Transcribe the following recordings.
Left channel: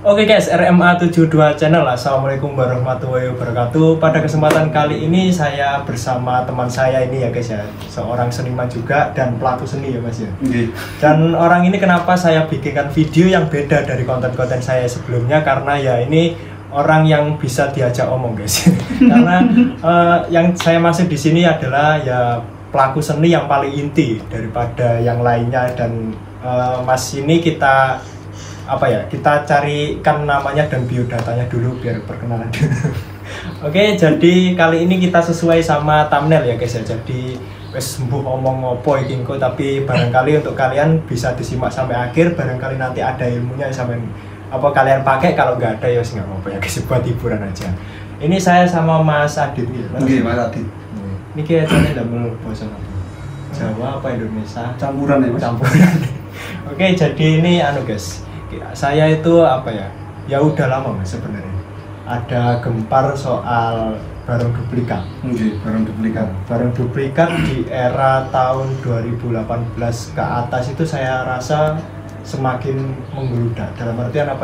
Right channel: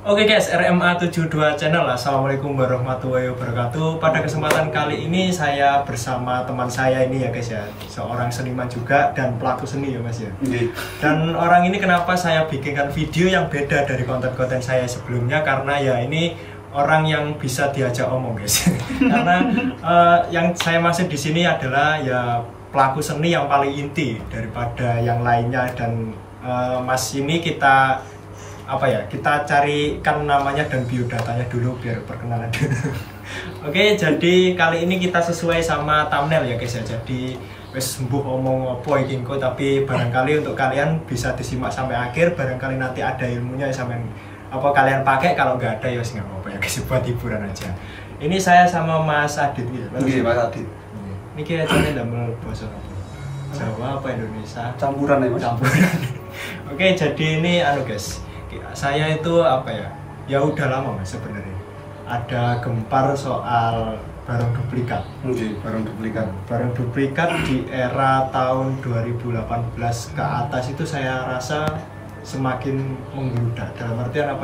Oke guys, RMA 72 channel. Assalamualaikum warahmatullahi wabarakatuh. Pada kesempatan kali ini saya bersama teman saya ini ya guys ya, seorang seniman juga dan pelaku seni ya mas ya. Dan orang ini kenapa saya bikinkan video yang beda dari konten-konten saya sebelumnya, karena ya ini orang yang bisa diajak omong guys. Karena yang saya maksud di sini adalah ya pelaku seni yang paling inti daripada yang lainnya. Dan mas ini kita carikan namanya dan biodatanya dulu biar perkenalan dulu. Oke, jadi kali ini kita sesuai sama thumbnail ya guys ya. Jadi wes sembuh omong opo iki engko, tapi barangkali untuk kalian bisa disimak sampai akhir, barangkali nanti ada ilmunya sampai kalian pakai, kalau nggak ada ya nggak apa-apa ya guys, buat hiburan aja. Ini saya sama Mas Adit ya. Oke, Mas Adit. Ini kayaknya ndamel bahasa apa? Jawa apa Indonesia? Campuran ya Mas. Campuran. Oke, jadi ini guys. Saya itu ya udah lama mas sebenarnya ada gempar soal barang duplikat. Barang duplikat di era tahun 2018 ke atas itu saya rasa semakin menggeludak. Dalam artian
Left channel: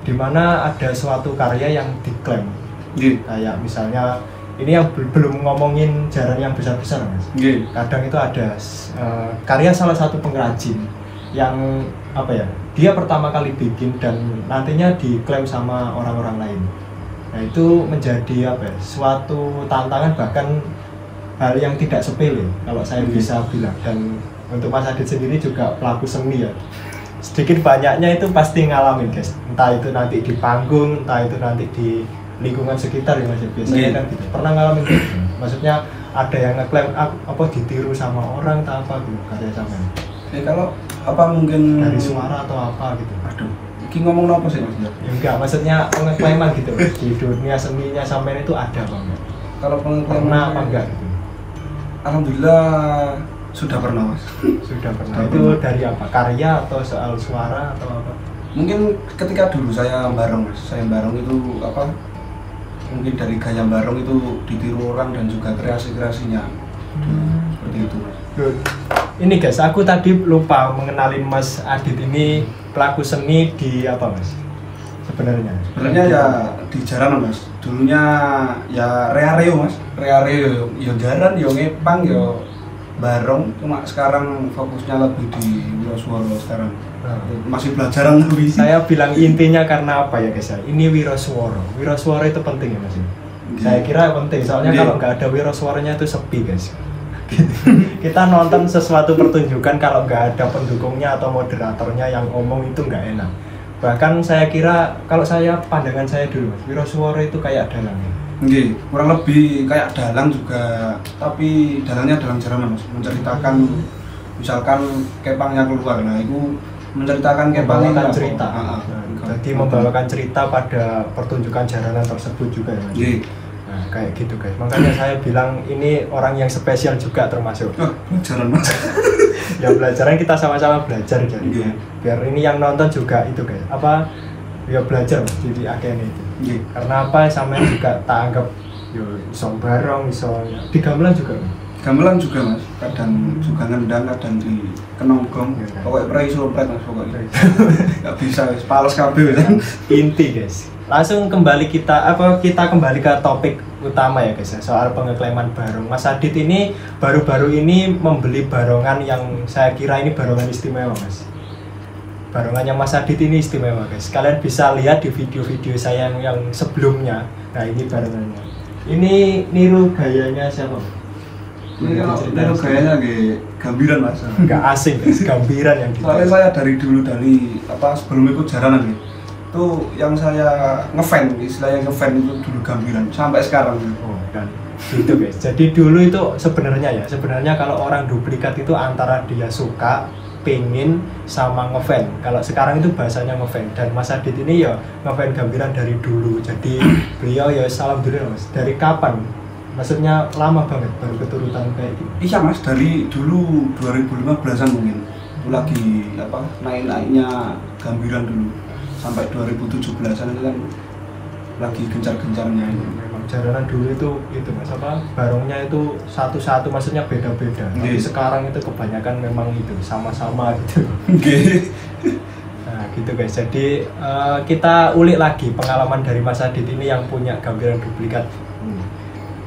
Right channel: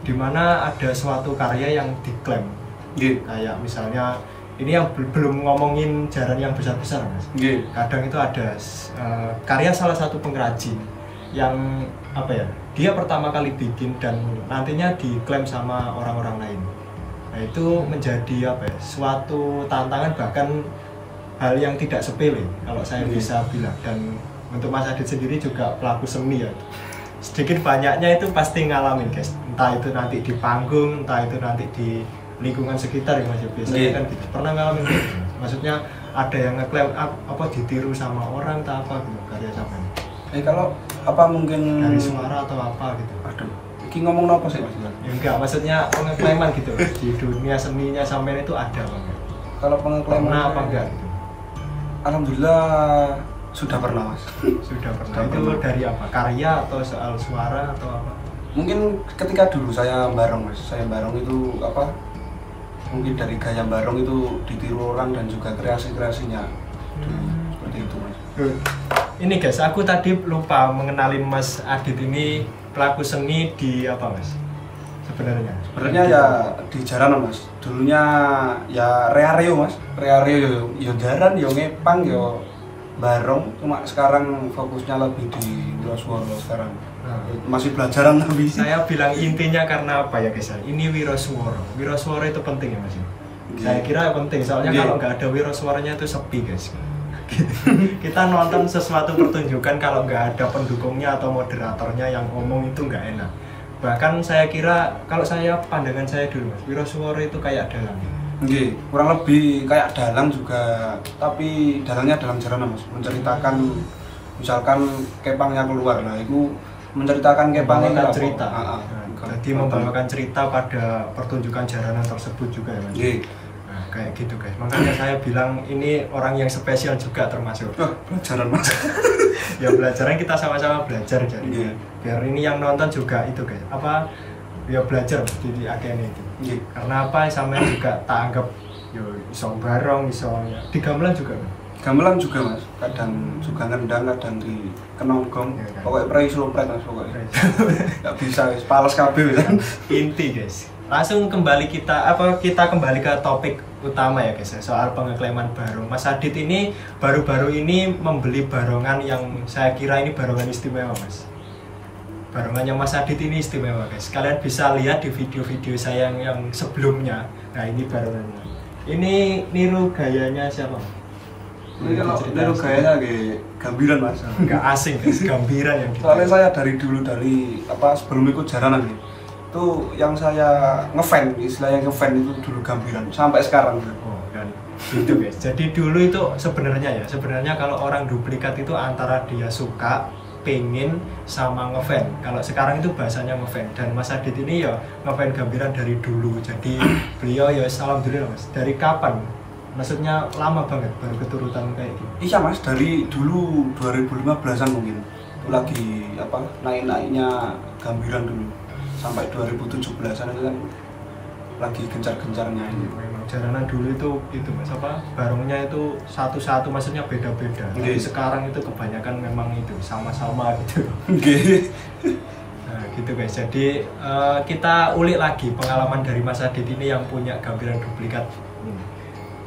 dimana ada suatu karya yang diklaim, kayak misalnya ini yang belum ngomongin jaran yang besar-besar mas. Kadang itu ada karya salah satu pengrajin yang dia pertama kali bikin dan nantinya diklaim sama orang-orang lain. Nah itu menjadi suatu tantangan, bahkan hal yang tidak sepele kalau saya bisa bilang. Dan untuk Mas Adit sendiri juga pelaku seni ya, sedikit banyaknya itu pasti ngalamin guys, entah itu nanti di panggung, entah itu nanti di lingkungan sekitar ya mas, biasanya kan gitu. Pernah ngalamin gitu? Maksudnya ada yang ngeklaim ditiru sama orang atau apa gitu karya sampean? Kalau mungkin dari suara atau apa gitu. Aduh, ini ngomong apa sih mas? Ya enggak, maksudnya pengeklaiman gitu di dunia seninya sampean itu ada banget. Kalau pengeklaiman pernah apa enggak gitu? Alhamdulillah sudah pernah mas. Sudah pernah. Itu dari apa? Karya atau soal suara atau apa? Mungkin ketika dulu saya bareng itu mungkin dari gaya bareng itu ditiru orang dan juga kreasinya. Seperti itu mas. Good. Ini guys, aku tadi lupa mengenalin Mas Adit ini pelaku seni di apa mas? Sebenarnya ya di jaranan mas. Dulunya ya reareo mas, reareo ya jaran, ya ngepang, ya barong. Cuma sekarang fokusnya lebih di wiroswara sekarang. Masih belajaran lebih. Saya bilang intinya karena apa ya guys ya? Ini wiroswara. Wiroswara itu penting ya mas. Saya kira penting, soalnya kalau nggak ada wiroswaranya itu sepi guys. Kita nonton sesuatu pertunjukan kalau nggak ada pendukungnya atau moderatornya yang ngomong itu nggak enak. Bahkan saya kira, kalau pandangan saya dulu mas, wiroswara itu kayak dalang. Kurang lebih kayak dalang juga, tapi dalangnya dalang jaranan mas, menceritakan misalkan kepangnya keluar, nah itu menceritakan kepangnya cerita. Jadi membawakan cerita pada pertunjukan jaranan tersebut juga ya mas. Nah, kayak gitu guys, makanya saya bilang ini orang yang spesial juga termasuk. Pelajaran mas. Ya pelajaran, kita sama-sama belajar jadi. Biar ini yang nonton juga itu guys, ya belajar mas, jadi akhirnya itu. Karena sama juga tak anggap yo iso barong, iso ya. Di gamelan juga kan? Gamelan juga mas, kadang juga ngendang, kadang di kenonggong. Pokoknya iso mas, pokoknya nggak bisa, pales kabel kan. Inti guys. Langsung kita kembali ke topik utama ya guys ya, soal pengeklaiman barong. Mas Adit ini baru-baru ini membeli barongan yang saya kira ini barongan istimewa mas. Barongannya Mas Adit ini istimewa guys. Kalian bisa lihat di video-video saya yang sebelumnya. Nah ini barongannya. Ini niru gayanya siapa? Niru gayanya gambiran mas. Nggak asing guys, gambiran yang soalnya saya dari dulu sebelum ikut jaranan itu yang saya ngefan, istilahnya ngefan itu dulu gambiran sampai sekarang. Dan gitu guys. Jadi dulu itu sebenarnya kalau orang duplikat itu antara dia suka, pengen, sama ngefan. Kalau sekarang itu bahasanya ngefan. Dan Mas Adit ini ya ngefan gambiran dari dulu. Jadi beliau ya alhamdulillah mas. Dari kapan? Maksudnya lama banget baru keturutan kayak gitu. Iya mas, dari dulu 2015an mungkin. Lagi naik-naiknya gambiran dulu. Sampai 2017an itu kan lagi gencar-gencarnya. Memang jaranan dulu itu mas barongnya itu satu-satu, maksudnya beda-beda. Tapi sekarang itu kebanyakan memang itu sama-sama gitu. Nah gitu guys. Jadi kita ulik lagi pengalaman dari Mas Adit ini yang punya gambaran duplikat.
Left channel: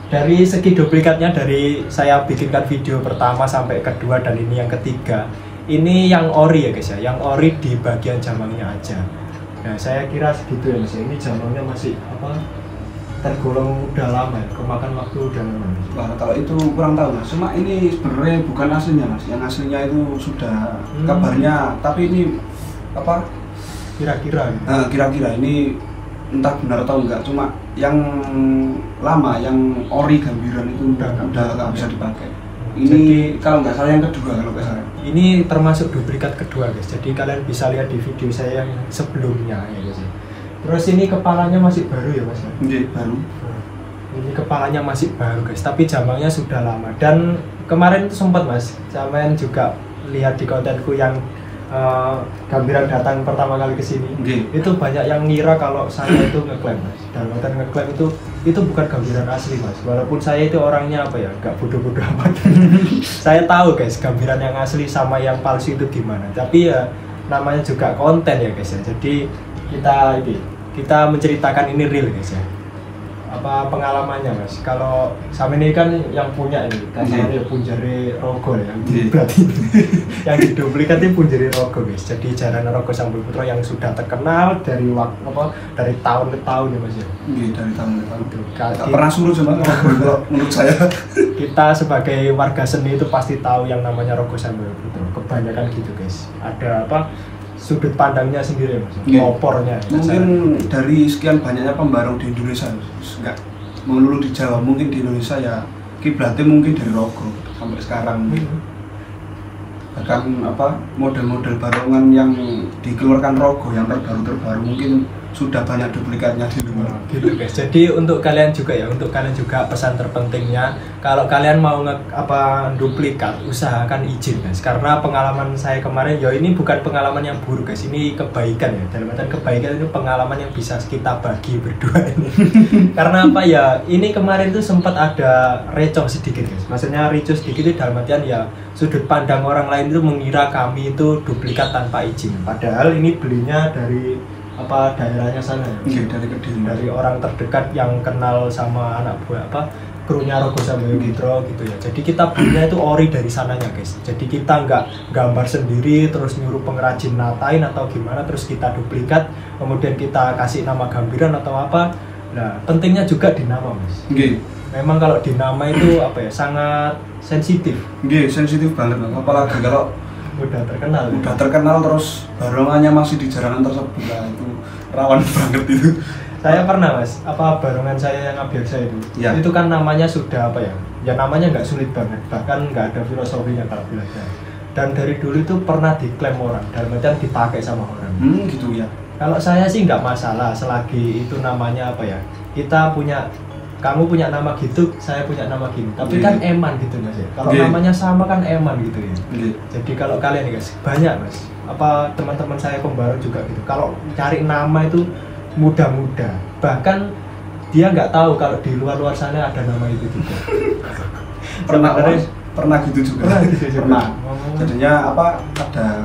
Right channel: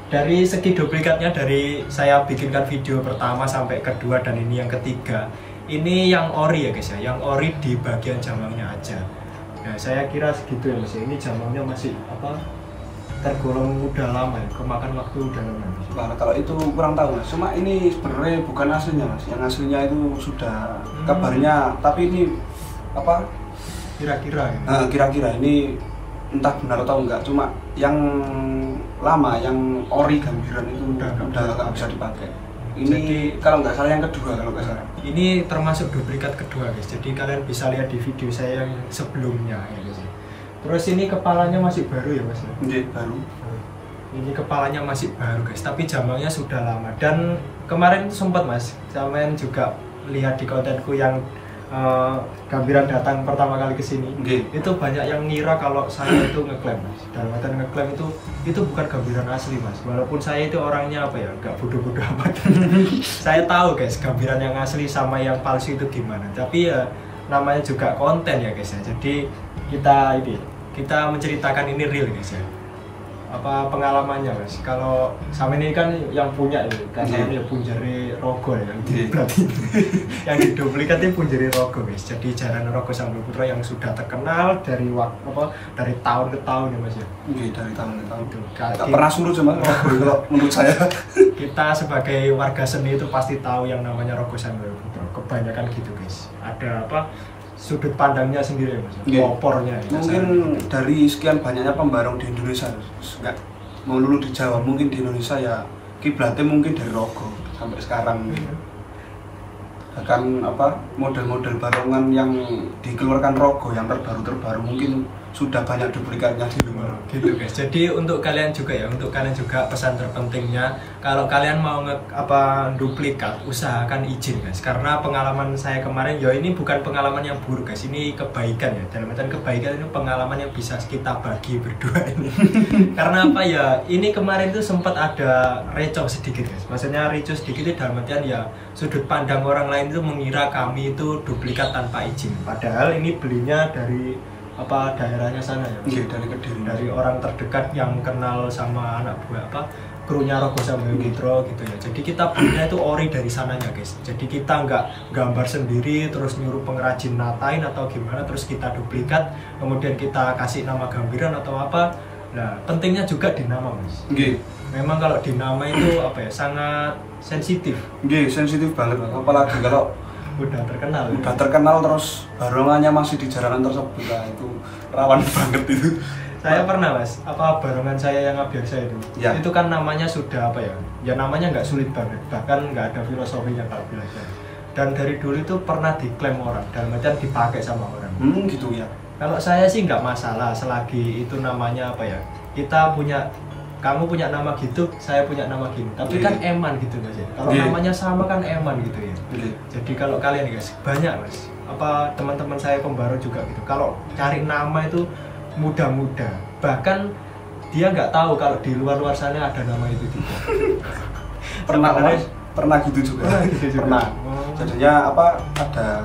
Dari segi duplikatnya, dari saya bikinkan video pertama sampai kedua dan ini yang ketiga, ini yang ori ya guys ya, yang ori di bagian jamangnya aja. Nah saya kira segitu ya Mas. Ini jamangnya masih tergolong udah lama ya, kemakan waktu udah lama. Wah, kalau itu kurang tahu Mas. Cuma ini sebenarnya bukan aslinya Mas. Yang aslinya itu sudah kabarnya, tapi ini kira-kira gitu. Nah, kira-kira ini entah benar atau enggak, cuma yang lama, yang ori gambiran itu udah nggak bisa dipakai. Ini jadi, kalau nggak salah yang kedua kalau nggak salah. Ini termasuk duplikat kedua guys. Jadi kalian bisa lihat di video saya yang sebelumnya ya guys. Terus ini kepalanya masih baru ya Mas? Iya, baru. Ini kepalanya masih baru guys, tapi jamangnya sudah lama. Dan kemarin itu sempat Mas, sampean juga lihat di kontenku yang gambiran datang pertama kali ke sini. Itu banyak yang ngira kalau saya itu ngeklaim Mas. Dan ngeklaim itu bukan gambiran asli Mas. Walaupun saya itu orangnya nggak bodoh-bodoh amat. Saya tahu guys, gambiran yang asli sama yang palsu itu gimana. Tapi ya namanya juga konten ya guys ya. Jadi kita menceritakan ini real guys ya. Apa pengalamannya Mas? Kalau sama ini kan yang punya ini, karena ya punjari rogo ya, berarti yang diduplikat itu punjari rogo guys. Jadi Jaranan Rogo Sambal Putra yang sudah terkenal dari dari tahun ke tahun ya Mas ya. Iya, dari tahun ke tahun. Gak pernah surut sama menurut saya. Kita sebagai warga seni itu pasti tahu yang namanya Rogo Sambal Putra. Kebanyakan gitu guys. Ada sudut pandangnya sendiri Mas, opornya. Mungkin dari sekian banyaknya pembarong di Indonesia, nggak melulu di Jawa, mungkin di Indonesia ya kiblatnya mungkin dari rogo sampai sekarang. Bahkan model-model barongan yang dikeluarkan rogo yang terbaru mungkin sudah banyak duplikatnya di luar. Gitu guys. Jadi untuk kalian juga pesan terpentingnya, kalau kalian mau duplikat, usahakan izin guys. Karena pengalaman saya kemarin ya ini bukan pengalaman yang buruk guys, ini kebaikan ya. Dalam artian kebaikan itu pengalaman yang bisa kita bagi berdua ini. Karena ini kemarin itu sempat ada recoh sedikit guys. Maksudnya ricuh sedikit itu dalam artian ya sudut pandang orang lain itu mengira kami itu duplikat tanpa izin. Padahal ini belinya dari daerahnya sana ya, dari orang terdekat yang kenal sama anak buah krunya Rogo Sambal Putra gitu ya. Jadi kita belinya itu ori dari sananya guys. Jadi kita nggak gambar sendiri terus nyuruh pengrajin natain atau gimana terus kita duplikat kemudian kita kasih nama gambiran atau apa. Nah pentingnya juga di nama Mas. Memang kalau di nama itu sangat sensitif. Sensitif banget apalagi kalau udah terkenal terus barongannya masih di jaranan tersebut lah, itu rawan banget itu. Saya pernah Mas, barongan saya yang Abiaksa itu ya. Itu kan namanya sudah ya namanya nggak sulit banget, bahkan nggak ada filosofinya kalau bilang saya. Dan dari dulu itu pernah diklaim orang, dalam artian dipakai sama orang. Gitu ya. Kalau saya sih nggak masalah selagi itu namanya kamu punya nama gitu, saya punya nama gini. Tapi kan eman gitu Mas ya. Kalau namanya sama kan eman gitu ya. Jadi kalau kalian guys, banyak Mas. Teman-teman saya pembarong juga gitu. Kalau cari nama itu mudah-mudah. Bahkan dia nggak tahu kalau di luar sana ada nama itu juga. Pernah gitu juga. Pernah. Jadinya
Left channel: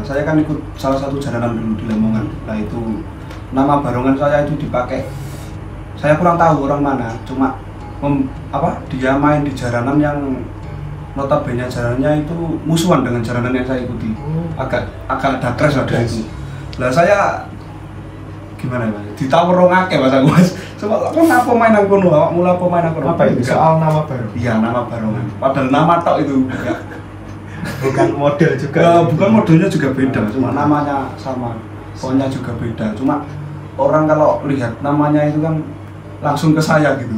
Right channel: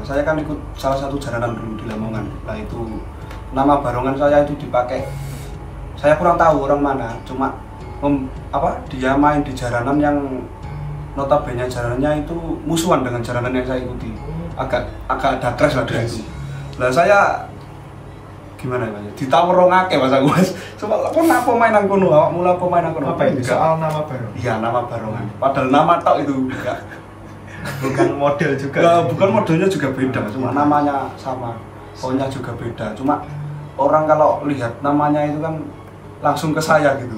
saya kan ikut salah satu jaranan dulu di Lamongan. Nah itu nama barongan saya itu dipakai. Saya kurang tahu orang mana, cuma dia main di jaranan yang notabene jaranannya itu musuhan dengan jaranan yang saya ikuti. Agak ada crash ada itu. Nah saya gimana Mas? Ditawurongake Mas aku Mas. Coba apa main aku mulai pemain aku. Apa itu? Soal nama baru. Iya, nama baru. Padahal nama tok itu enggak. Bukan model juga. Bukan modelnya juga beda, cuma namanya sama. Pokoknya juga beda. Cuma orang kalau lihat namanya itu kan langsung ke saya gitu.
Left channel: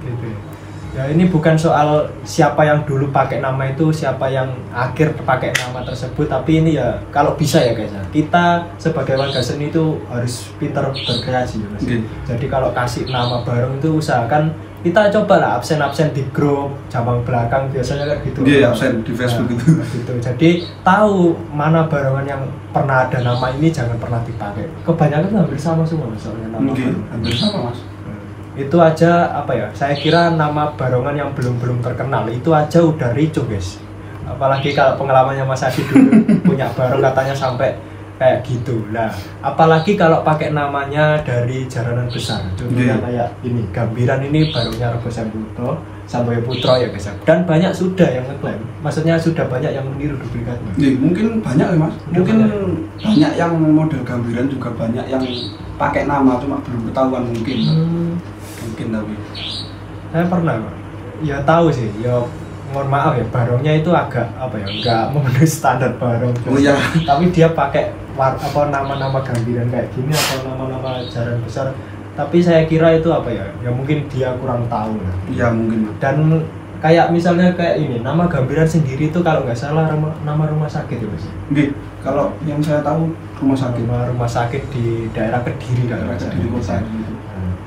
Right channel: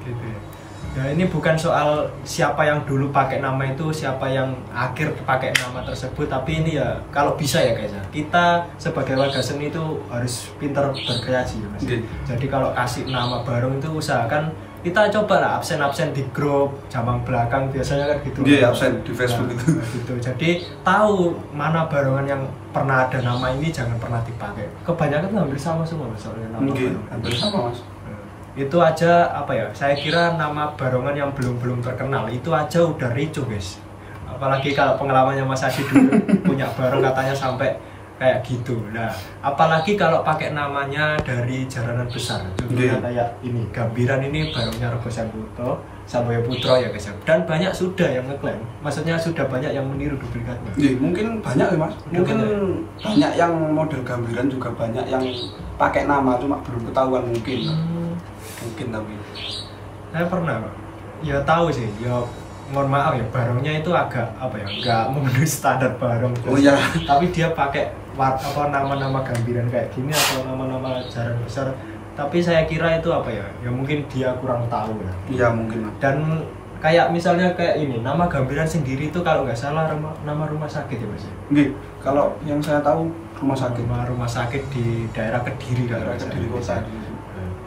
Gitu ya. Ya ini bukan soal siapa yang dulu pakai nama itu, siapa yang akhir pakai nama tersebut, tapi ini ya kalau bisa ya guys ya, kita sebagai warga seni itu harus pintar berkreasi ya Mas. Jadi kalau kasih nama bareng itu usahakan kita cobalah absen di grup cabang belakang biasanya kan gitu. Iya, absen di Facebook gitu. Jadi tahu mana barongan yang pernah ada nama ini jangan pernah dipakai. Kebanyakan itu hampir sama semua Mas soalnya nama baru. Hampir sama Mas. Itu aja saya kira nama barongan yang belum terkenal itu aja udah ricuh guys. Apalagi kalau pengalamannya Mas Adi dulu punya barong katanya sampai kayak gitu. Nah, apalagi kalau pakai namanya dari jaranan besar. Contohnya kayak ini, Gambiran ini barunya Rebo Samboyo Putro ya guys. Dan banyak sudah yang ngeklaim. Maksudnya sudah banyak yang meniru duplikatnya. Iya, mungkin banyak ya Mas. Mungkin banyak yang model Gambiran juga banyak yang pakai nama cuma belum ketahuan mungkin. Mungkin tapi saya pernah ya tahu sih, ya mohon maaf ya, barongnya itu agak apa ya, nggak memenuhi standar barong. Oh iya. Tapi dia pakai nama-nama Gambiran kayak gini atau nama-nama jaran besar. Tapi saya kira itu apa ya? Ya mungkin dia kurang tahu lah. Iya mungkin. Dan kayak misalnya kayak ini, nama Gambiran sendiri itu kalau nggak salah nama rumah sakit ya Mas. Nggih, kalau yang saya tahu rumah sakit. Rumah sakit di daerah Kediri kalau nggak salah. Kediri kota.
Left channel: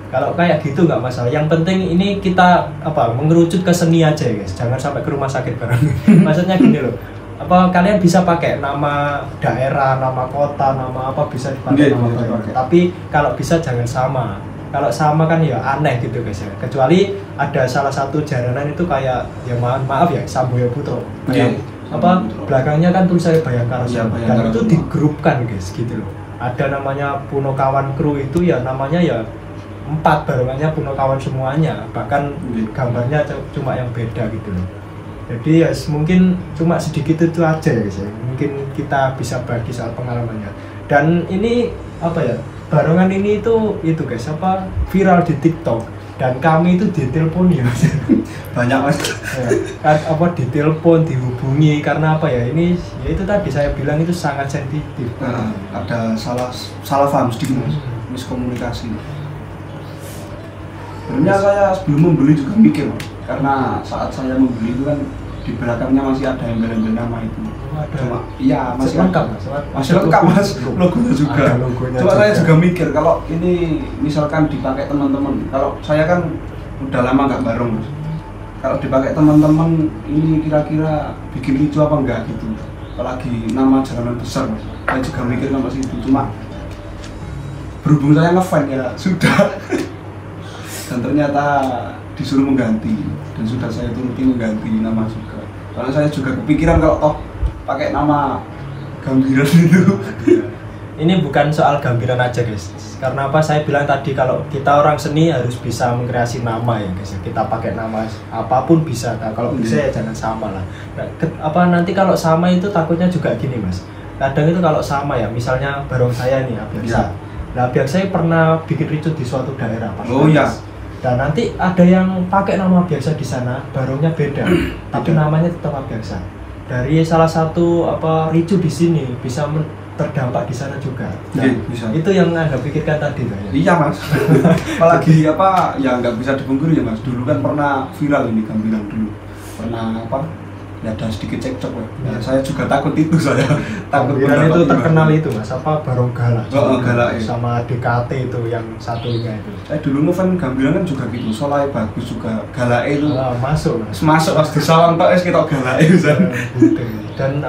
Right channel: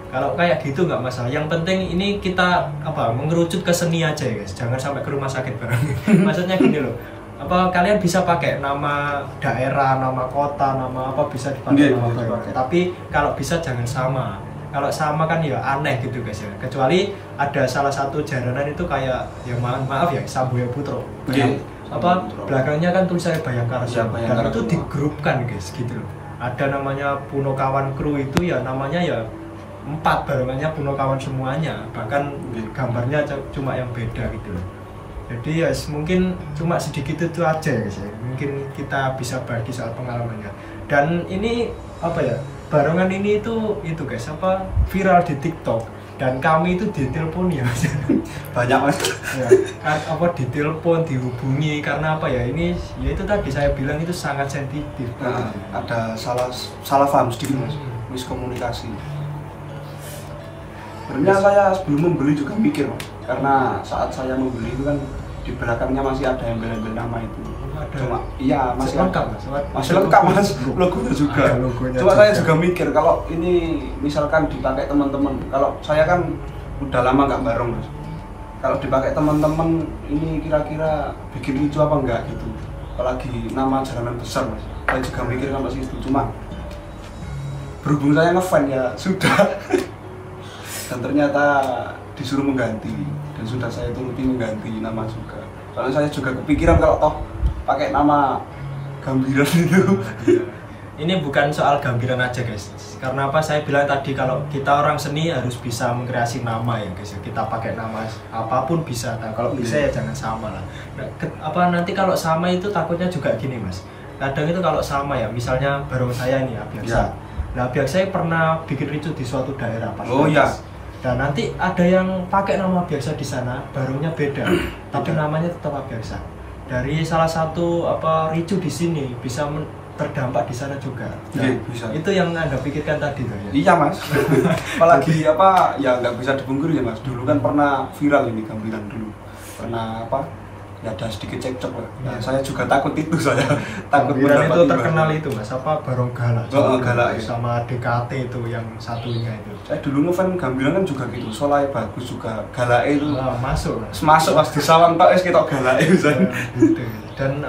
Kalau kayak gitu nggak masalah. Yang penting ini kita mengerucut ke seni aja ya guys. Jangan sampai ke rumah sakit bareng. Maksudnya gini loh. Kalian bisa pakai nama daerah, nama kota, nama apa bisa dipakai nama barong. Tapi kalau bisa jangan sama. Kalau sama kan ya aneh gitu guys ya. Kecuali ada salah satu jaranan itu kayak ya maaf ya Samboyo Putro. Belakangnya kan tulisannya Bayangkara. Dan itu digrupkan guys gitu loh. Ada namanya Punokawan Kru itu ya namanya ya 4 barengannya Punokawan semuanya, bahkan gambarnya cuma yang beda gitu loh. Jadi ya mungkin cuma sedikit itu aja ya guys ya. Mungkin kita bisa bagi soal pengalamannya. Dan ini apa ya, barengan ini itu guys viral di TikTok, dan kami itu ditelepon ya Mas. Banyak Mas. Ya, kan ditelepon, dihubungi karena apa ya, ini ya itu tadi saya bilang itu sangat sensitif. Ada salah paham sedikit Mas, miskomunikasi. Sebenarnya saya sebelum membeli juga mikir Mas, karena saat saya membeli itu kan di belakangnya masih ada embel-embel nama itu. Iya masih lengkap Mas, logonya juga. Cuma saya juga mikir kalau ini misalkan dipakai teman-teman, kalau saya kan udah lama nggak bareng Mas. Kalau dipakai teman-teman ini kira-kira bikin lucu apa enggak gitu. Apalagi nama jalanan besar Mas. Saya juga mikir sama situ, cuma berhubung saya ngefans ya sudah. Dan ternyata disuruh mengganti, dan sudah saya turuti mengganti nama juga. Karena saya juga kepikiran kalau toh pakai nama Gambiran itu. Ini bukan soal Gambiran aja guys. Karena apa saya bilang tadi, kalau kita orang seni harus bisa mengkreasi nama ya guys. Kita pakai nama apapun bisa. Nah, kalau bisa ya jangan sama lah. Nah, nanti kalau sama itu takutnya juga gini Mas. Kadang itu kalau sama ya, misalnya barong saya nih Abiaksa. Nah, Abiaksa pernah bikin ricu di suatu daerah Pak. Oh iya. Dan nanti ada yang pakai nama Abiaksa di sana, barongnya beda, tapi namanya tetap Abiaksa. Dari salah satu ricu di sini bisa terdampak di sana juga. Nah, bisa. Itu yang Anda pikirkan tadi kan ya? Iya Mas. Apalagi ya nggak bisa dipungkiri ya Mas. Dulu kan pernah viral ini Gambiran dulu. Pernah ya ada sedikit cekcok lah. Ya, saya juga takut itu saya. Gambiran itu terkenal itu Mas, barong galak. Galak sama DKT itu yang satunya itu. Saya dulu ngefans Gambiran kan juga gitu. Soalnya bagus juga. Galak itu masuk Mas di sawang tok kita galak itu. Dan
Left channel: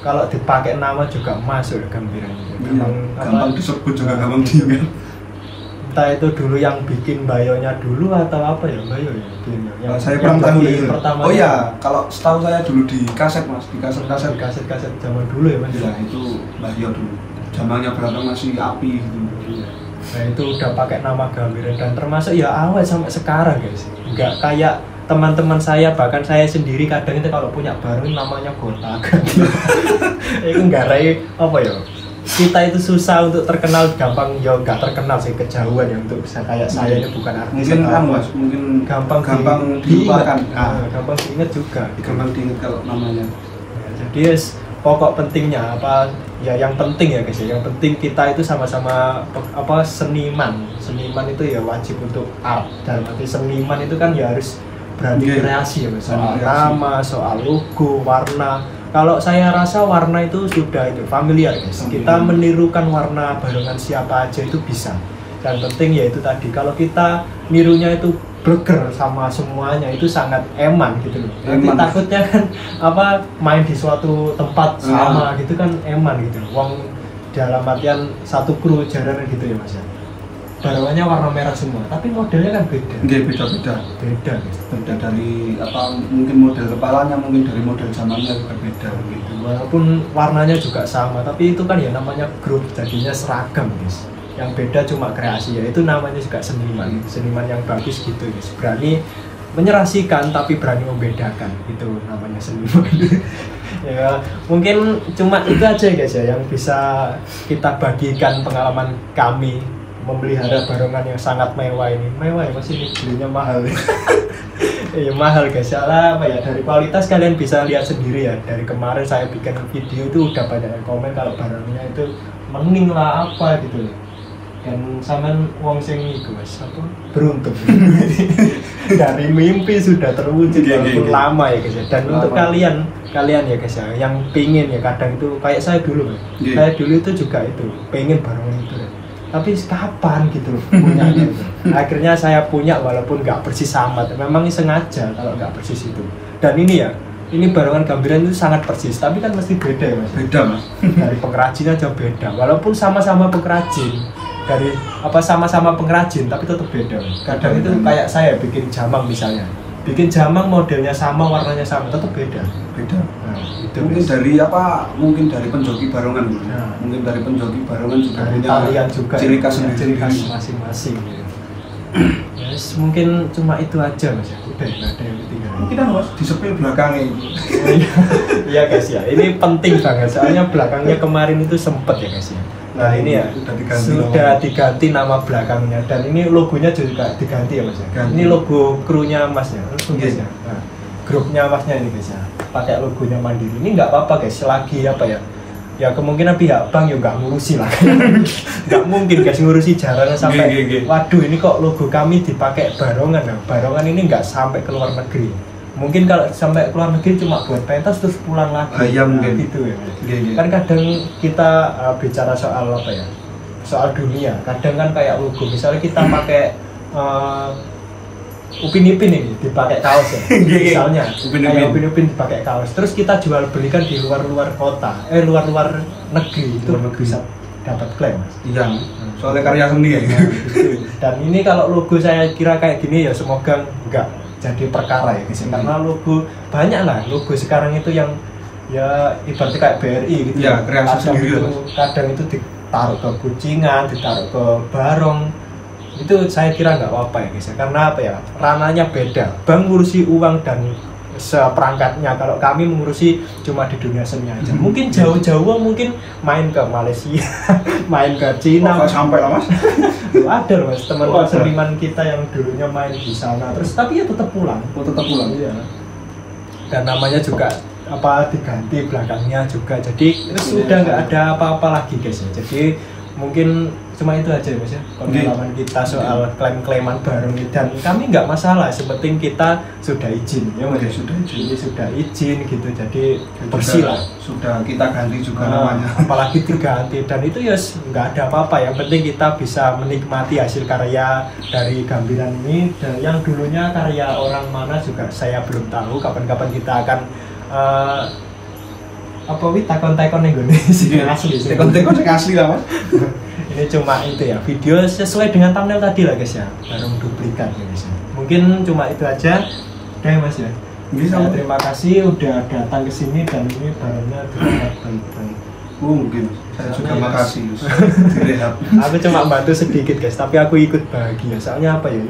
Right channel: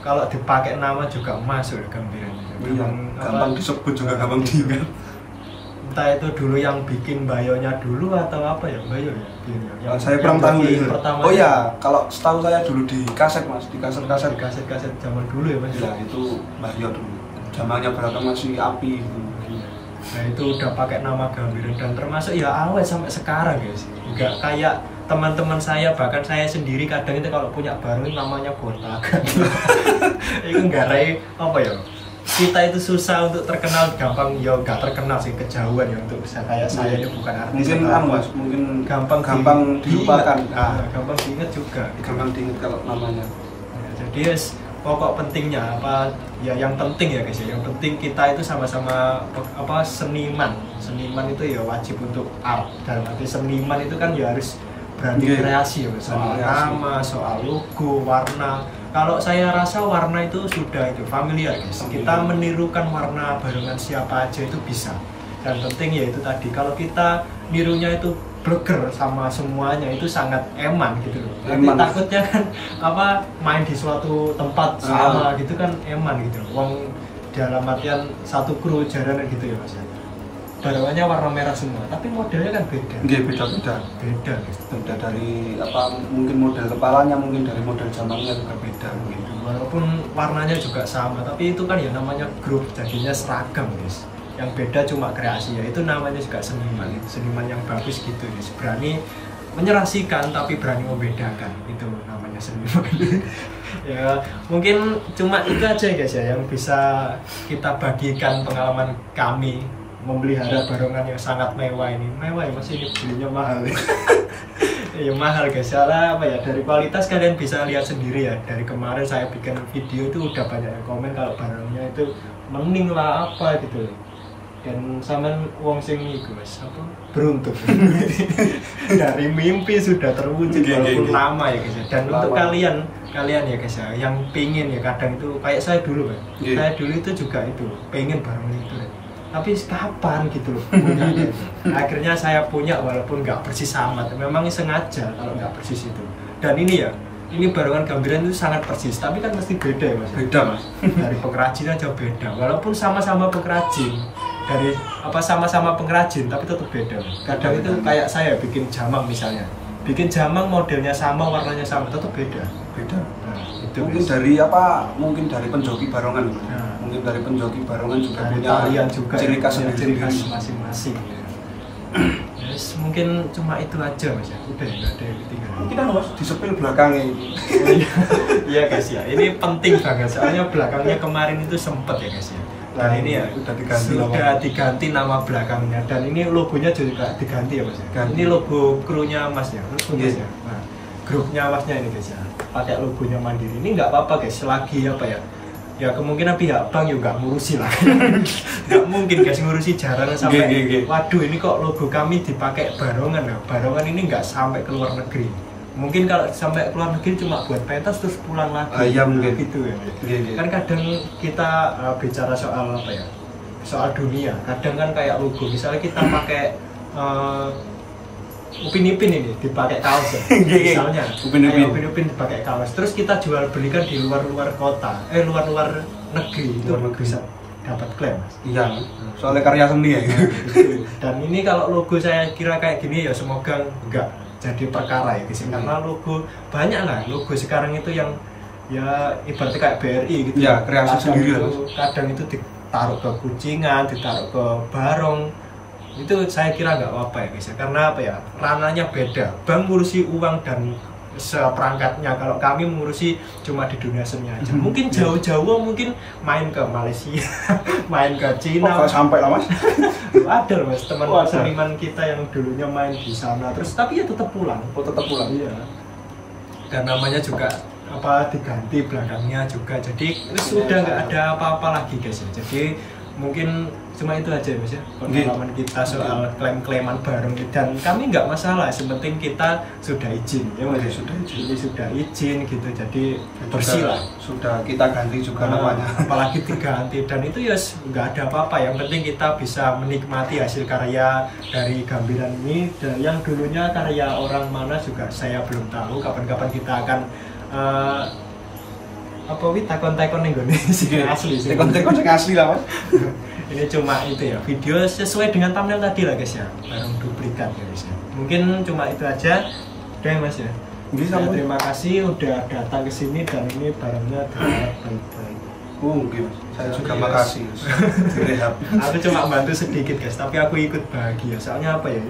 kalau dipakai nama juga masuk Gambiran itu. Memang gampang disebut juga gampang diingat. Entah itu dulu yang bikin bayonya dulu atau bayo ya yang saya kurang tahu pertama. Oh iya, kalau setahu saya dulu di kaset Mas, di kaset zaman dulu ya Mas. Ya itu bayo dulu. Zamannya belakang masih api gitu. Nah itu udah pakai nama Gambiran, dan termasuk ya awet sampai sekarang guys. Enggak kayak teman-teman saya, bahkan saya sendiri kadang itu kalau punya barong namanya Botakan. Itu nggarai kita itu susah untuk terkenal, gampang ya nggak terkenal sih, kejauhan ya untuk bisa kayak saya ini bukan artis. Mungkin gampang dilupakan. Gampang diingat juga. Gampang diingat kalau namanya. Jadi pokok pentingnya ya yang penting ya guys ya, yang penting kita itu sama-sama seniman. Seniman itu ya wajib untuk art, dalam arti seniman itu kan ya harus berani kreasi ya Mas. Soal nama, soal logo, warna. Kalau saya rasa warna itu sudah familiar guys. Kita menirukan warna barengan siapa aja itu bisa. Dan penting ya itu tadi, kalau kita nirunya itu bleger sama semuanya itu sangat eman gitu loh. Nanti takutnya kan main di suatu tempat sama gitu kan eman gitu. Wong dalam artian satu kru jaranan gitu ya Mas ya. barongannya warna merah semua, tapi modelnya kan beda. Beda-beda. Beda guys. Beda dari apa, mungkin model kepalanya, mungkin dari model jamangnya juga beda gitu. Walaupun warnanya juga sama, tapi itu kan ya namanya grup, jadinya seragam guys. Yang beda cuma kreasi, ya itu namanya juga seniman. Seniman yang bagus gitu guys, berani menyerasikan tapi berani membedakan, itu namanya seniman. Ya mungkin cuma itu aja guys ya yang bisa kita bagikan pengalaman kami memelihara barongan yang sangat mewah ini. Mewah ya Mas, ini belinya mahal. Iya mahal guys, salah apa ya, dari kualitas kalian bisa lihat sendiri ya. Dari kemarin saya bikin video itu udah banyak yang komen kalau barangnya itu mending lah apa gitu. Dan sampean wong sing iku Mas, apa beruntung. Dari mimpi sudah terwujud walaupun lama ya guys ya. Dan untuk kalian ya guys ya yang pingin ya, kadang itu kayak saya dulu Mas. Saya dulu itu juga itu pengen barongan itu deh. Tapi kapan gitu loh punyanya itu. Akhirnya saya punya walaupun nggak persis amat. Memang sengaja kalau nggak persis itu. Dan ini ya, ini barongan gambiran itu sangat persis, tapi kan mesti beda ya Mas. Beda Mas. Dari pengrajin aja beda. Walaupun sama-sama pengrajin, dari apa sama-sama pengrajin tapi tetap beda. Kadang itu kayak saya bikin jamang misalnya. Bikin jamang modelnya sama, warnanya sama, tetap beda. Beda. Nah, itu mungkin guys. dari apa? Mungkin dari penjoki barongan. Nah, mungkin dari penjoki barongan juga dari punya talian juga ciri khas ya, ciri khas masing-masing gitu. Yes, mungkin cuma itu aja Mas ya. Udah ya, nggak ada yang ketinggalan. Kita Mas di sepil belakangnya. Iya guys ya, ini penting banget soalnya belakangnya kemarin itu sempet ya guys ya. Dan ini ya sudah diganti nama belakangnya, dan ini logonya juga diganti ya Mas ya. Ganti. Ini logo krunya Masnya, Yes. ya. Nah, grupnya Masnya ini guys ya, pakai logonya Mandiri. Ini nggak apa-apa guys, selagi apa ya, ya kemungkinan pihak bank ya nggak ngurusi lah. Nggak mungkin guys ngurusi jarang sampai waduh ini kok logo kami dipakai barongan. Nah, barongan ini nggak sampai ke luar negeri. Mungkin kalau sampai keluar negeri cuma buat pentas terus pulang lagi. Iya Nah, gitu ya. Kan kadang kita bicara soal apa ya, soal dunia. Kadang kan kayak logo, misalnya kita pakai Upin Ipin ini dipakai kaos ya. Misalnya kayak Upin Ipin dipakai kaos, terus kita jual belikan di luar-luar kota, luar-luar negeri, itu bisa dapat klaim Mas. Iya. Soalnya karya seni ya. Dan ini kalau logo saya kira kayak gini ya semoga enggak jadi perkara ya guys, karena logo banyak lah logo sekarang itu yang ya ibaratnya kayak BRI gitu ya, kreasi sendiri. Kadang itu ditaruh ke kucingan, ditaruh ke barong, itu saya kira nggak apa-apa ya guys ya, karena apa ya, ranahnya beda. Bank ngurusi uang dan seperangkatnya, kalau kami mengurusi cuma di dunia seni aja. Mungkin jauh-jauh mungkin main ke Malaysia, main ke Cina. Kok sampai lah Mas? Ada Mas, teman seniman kita yang dulunya main di sana, terus tapi ya tetap pulang. Tetap pulang. Iya. Dan namanya juga apa diganti belakangnya juga, jadi sudah nggak ada apa-apa lagi guys ya. Jadi mungkin cuma itu aja Mas ya pengalaman kita soal klaim-klaiman bareng, dan kami nggak masalah, sepenting kita sudah izin ya Mas. Sudah izin gitu, jadi bersih lah. Sudah kita ganti juga namanya. Apalagi diganti, dan itu ya nggak ada apa-apa, yang penting kita bisa menikmati hasil karya dari gambiran ini. Dan yang dulunya karya orang mana juga saya belum tahu, kapan-kapan kita akan apa wih takon-takon nih gue asli takon-takon asli lah Mas. Ini cuma itu ya, video sesuai dengan thumbnail tadi lah guys ya, barang duplikat ya guys ya. Mungkin cuma itu aja deh Mas ya. Saya terima kasih udah datang ke sini, dan ini barangnya dilihat baik-baik. Mungkin saya juga makasih. Aku cuma bantu sedikit guys, tapi aku ikut bahagia soalnya apa ya,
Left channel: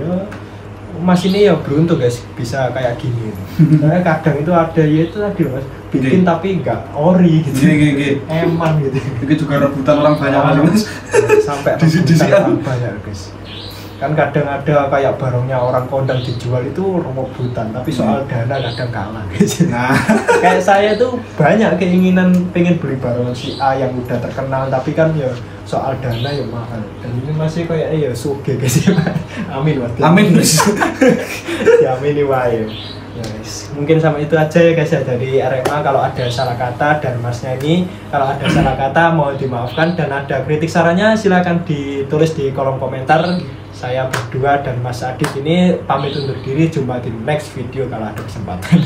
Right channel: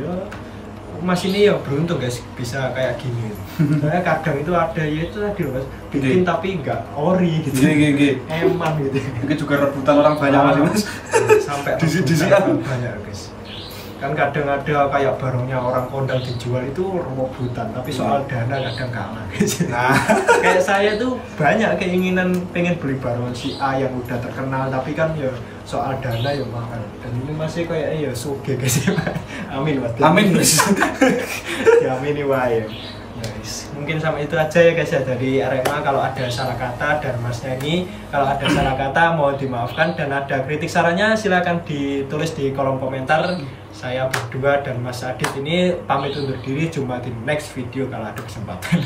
Mas ini ya beruntung guys bisa kayak gini. Saya kadang itu ada ya itu tadi Mas, bikin tapi enggak ori gitu. Emang gitu. Itu juga rebutan orang banyak Mas. Sampai rebutan banyak guys. Kan kadang ada kayak barangnya orang kondang dijual itu rebutan, tapi soal dana kadang kalah guys. Nah, kayak saya tuh banyak keinginan pengen beli barongan si A yang udah terkenal, tapi kan ya soal dana ya mahal. Dan ini masih kayak ya suge guys. Amin Mas. Amin Mas. Ya amini wae. Yes. Mungkin sama itu aja ya guys ya dari Arema. Kalau ada salah kata, dan Masnya ini kalau ada salah kata mohon dimaafkan, dan ada kritik sarannya silakan ditulis di kolom komentar. Saya berdua dan Mas Adit ini pamit undur diri, jumpa di next video kalau ada kesempatan.